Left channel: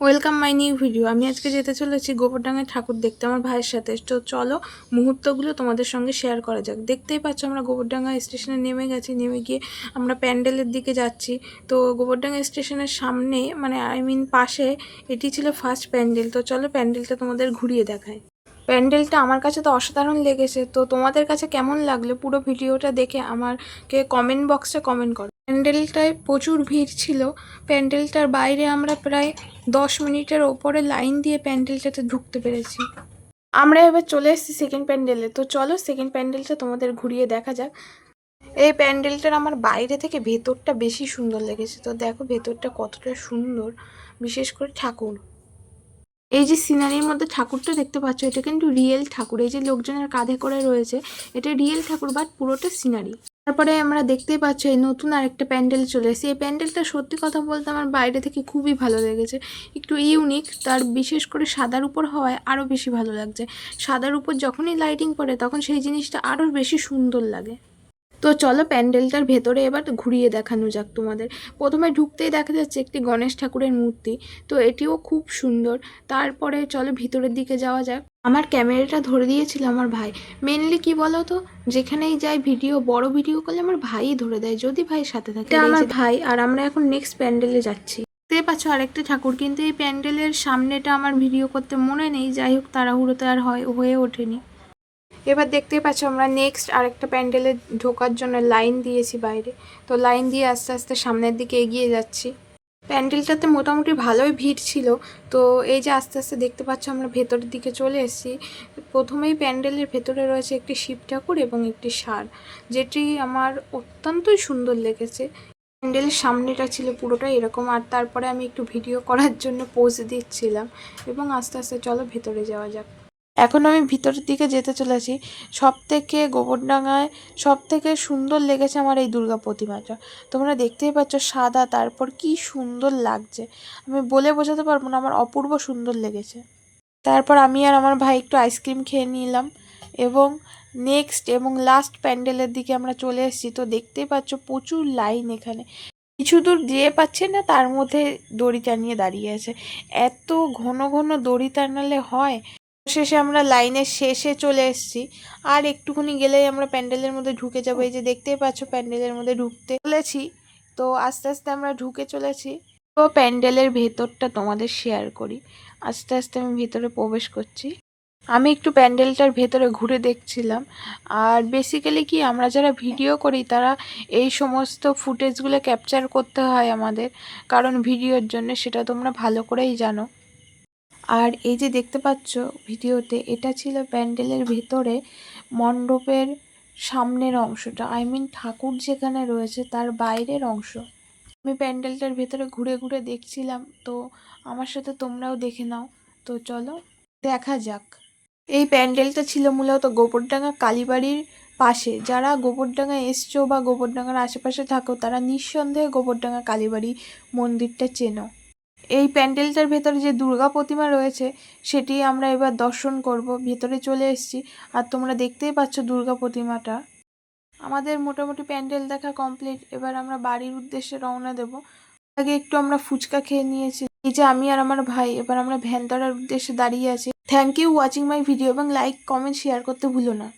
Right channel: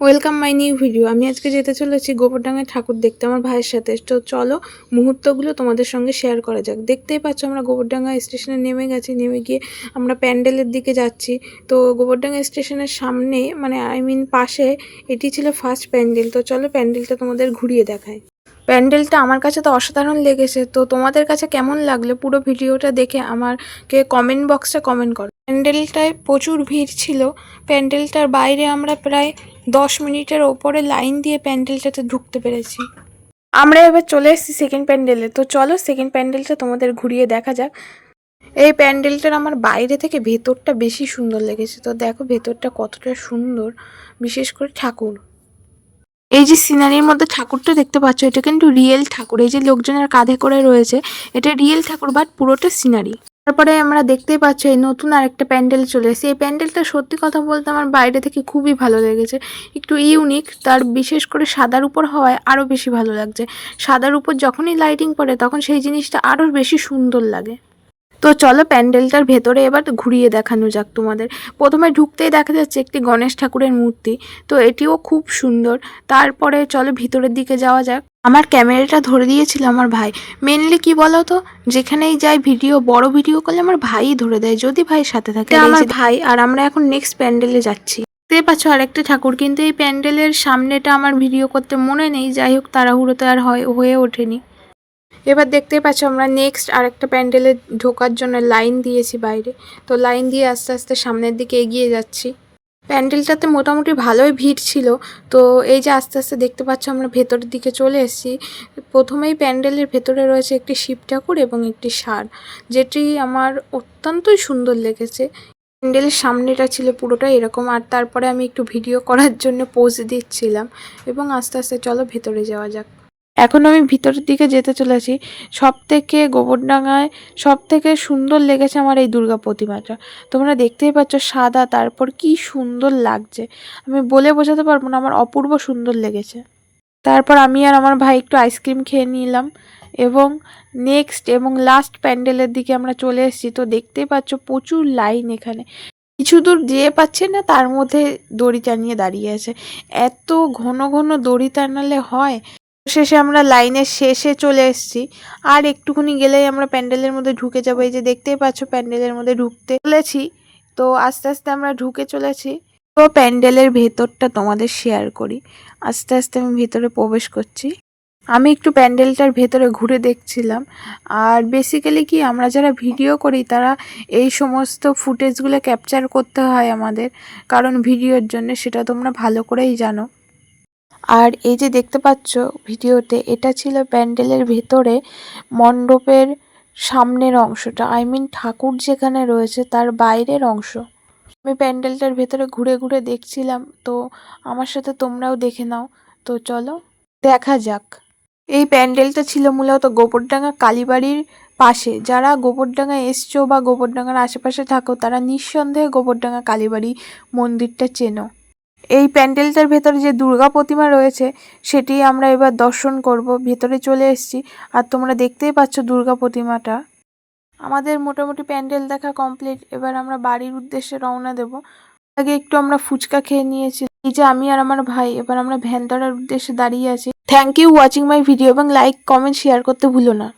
Welcome my new video. আমি আজকে যেতে চলেছি গোবরডাঙ্গায় ঠাকুর দেখতে আমার ভাইয়ের সাথে। তো চলো, মুহূর্তগুলো তোমাদের সঙ্গে শেয়ার করা যাক। দেখতেই পাচ্ছ আমরা গোবরডাঙ্গা স্টেশনে নেমে গেছি, নেমে গিয়ে আমরা প্যান্ডেলের দিকে যাচ্ছি। তো গোবরডাঙ্গা স্টেশনের সামনে মানে আই মিন পাশে, এটি ছিল ফার্স্ট প্যান্ডেল। তো চলো প্যান্ডেলটা তোমাদের ঘুরিয়ে দেখায় প্যান্ডেলটা আমার কাছে তো অসাধারণ লেগেছে। তো তোমাদের কাছে কেমন লাগল পুরো ভিডিওটা দেখে আমাকে কমেন্ট বক্সে কমেন্ট করো। প্যান্ডেলটায় প্রচুর ভিড় ছিল। প্যান্ডেলটার বাইরে আমরা প্রায় দশ মিনিটের ওপরে লাইন দিয়ে প্যান্ডেলটাতে ঢুকতে পেরেছি। আমরা এবার চলে এসেছি সেকেন্ড প্যান্ডেলে। তো চলো সেকেন্ড প্যান্ডেলটা তোমাদের ঘুরিয়ে দেখা যাক। এই প্যান্ডেলটার আমার বাইরে থেকে ভেতরটা বেশি সুন্দর লেগেছে। তো দেখো ভেতরটা কতটা সুন্দর। বিশেষ করে ঠাকুর। এই যে সিনারির মধ্যে ঠাকুরটা দেখতে পাচ্ছ, এটা কিন্তু রিয়েল ঠাকুর। এই যে লোকজনের কাঁধে করে রয়েছে, এটা রিয়েল ঠাকুর বাট পুরোটা সিনারি তারপরে আমরা দেখতেই পাচ্ছি এই নতুন আরেকটা প্যান্ডেল চলে এসেছে। এই প্যান্ডেলটা সত্যি কথা বলতে আমার বাইরে থেকে খুবই ভালো লেগেছে। একটু ইউনিক, তার বিশেষ করে সাদার উপর হওয়ায় আরও বেশি ভালো লাগছে। সাদার উপর যখনই লাইটিং পড়ে তখন সেই জিনিসটা আরও বেশি সুন্দর লাগে। তো চলো প্যান্ডেলটার ভেতরে এবার ঘুরিয়ে দেখানো যাক তোমাদের। প্রথমে ঢুকতেই দেখা যাচ্ছে একটি গণেশ ঠাকুরের মূর্তি তো এটিও খুব সুন্দর। তারপরে চলো ভিতরের দিকে যাওয়া যাক। আমার ক্যামেরাটা ধরে দিয়েছিল আমার ভাই। মেনলি কি বলো তো যেখানেই যাই ভিডিও বড় ভিডিও করলে আমার ভাইই ধরে দেয় যদি ভাই সাথে থাকে। আমার ভাই আর আমরা এখন নেক্সট প্যান্ডেলে যাচ্ছি। দেখতে পাচ্ছ আরেকটা ঠাকুর কিন্তু এই প্যান্ডেলের সামনেটা আমার ভিডিও করতে মনে নেই। যাই হোক তাড়াহুড়োতে আর হয় হয়ে ওঠেনি। এবার দেখতেই পাচ্ছ আমরা নেক্সট আরেকটা প্যান্ডেলে ঢোকার জন্য লাইন দিয়েছি বাইরে। তো লাইন দিয়ে আস্তে আস্তে সামনের দিকে এগিয়ে যাচ্ছি। প্যান্ডেলটাতে মোটামুটি ভালোই ভিড় ছিল। তো এই যে আস্তে আস্তে দেখতে পাচ্ছ আমরা ভেতরের দিকে চলে এসেছি। প্রথমেই প্যান্ডেলের ভেতরে রয়েছে একটি শিব ঠাকুর এবং একটি ষাঁড়, যেটি আমার অত্যন্তই সুন্দর লেগেছে। প্যান্ডেলের সামনেটা ছিল পুরোটা এরকম, আর তারপরে আমি একটু ভিডিও করার জন্য পোজ দিচ্ছিলাম। এবং আস্তে আস্তে চলো ভেতরে যাওয়া যাক। এখন আমি ভিতরের দিকে যেতে চলেছি। সব থেকে গোবরডাঙ্গায় সব থেকে সুন্দর লেগেছে আমার এই দুর্গা প্রতিমাটা। তোমরা দেখতেই পাচ্ছ সাদা, তারপর কি সুন্দর লাগছে। আমি বলে বোঝাতে পারব না, আমার অপূর্ব সুন্দর লেগেছে। তারপর আমি আর আমার ভাই একটু আইসক্রিম খেয়ে নিলাম এবং নেক্সট এবং লাস্ট প্যান্ডেলের দিকে আমরা চলে এসেছি। তো দেখতেই পাচ্ছ প্রচুর লাইন এখানে। কিছু দূর যেয়ে পাচ্ছে না, তার মধ্যে দড়ি টানিয়ে দাঁড়িয়ে আছে। এত ঘন ঘন দড়ি টানালে হয় শেষে আমরা লাইনের শেষে চলে এসেছি। আর একটুখানি গেলেই আমরা প্যান্ডেলের মধ্যে ঢুকে যাব। এই যে দেখতেই পাচ্ছ প্যান্ডেলের মধ্যে ঢুকতে চলেছি। তো আস্তে আস্তে আমরা ঢুকে চলেছি। তো প্যান্ডেলের ভেতরটা তোমাদের শেয়ার করি। আস্তে আস্তে আমি ভেতরে প্রবেশ করছি। আমি একটু প্যান্ডেলটার ভেতরে ঘুরে দেখছিলাম। আর বেসিক্যালি কি আমরা যারা ভিডিও করি, তারা এই সমস্ত ফুটেজগুলো ক্যাপচার করতে হয় আমাদের। কারণ ভিডিওর জন্য, সেটা তোমরা ভালো করেই জানো। আর এই যে দেখতে পাচ্ছ ভিডিওতে, এটা ছিল প্যান্ডেলের ভেতরে মণ্ডপের সামনের অংশটা আই মিন ঠাকুর যেখানে রয়েছে তার বাইরের অংশ। আমি প্যান্ডেলটার ভেতরে ঘুরে ঘুরে দেখছিলাম, তো আমার সাথে তোমরাও দেখে নাও। তো চলো, দেখা যাক। এই প্যান্ডেলটা ছিল মূলত গোবরডাঙ্গা কালীবাড়ির পাশে। যারা গোবরডাঙ্গা এসছো বা গোবরডাঙ্গার আশেপাশে থাকো, তারা নিঃসন্দেহে গোবরডাঙ্গা কালীবাড়ি মন্দিরটা চেনো। এই প্যান্ডেলটার ভেতরে যে দুর্গা প্রতিমা রয়েছে, সেটি আমরা এবার দর্শন করব। ভেতরে চলে এসেছি আর তোমরা দেখতেই পাচ্ছ দুর্গা প্রতিমাটা। আমাদের মোটামুটি প্যান্ডেল দেখা কমপ্লিট। এবার আমরা বাড়ির উদ্দেশ্যে রওনা দেব। আগে একটু আমরা ফুচকা খেয়ে নিয়েছি। এই যে আমি আর আমার ভাই, এবার আমরা ভ্যান ধরার উদ্দেশ্যে দাঁড়িয়ে আছি। Thank you watching my video এবং লাইক কমেন্ট শেয়ার করতে ভুলো না।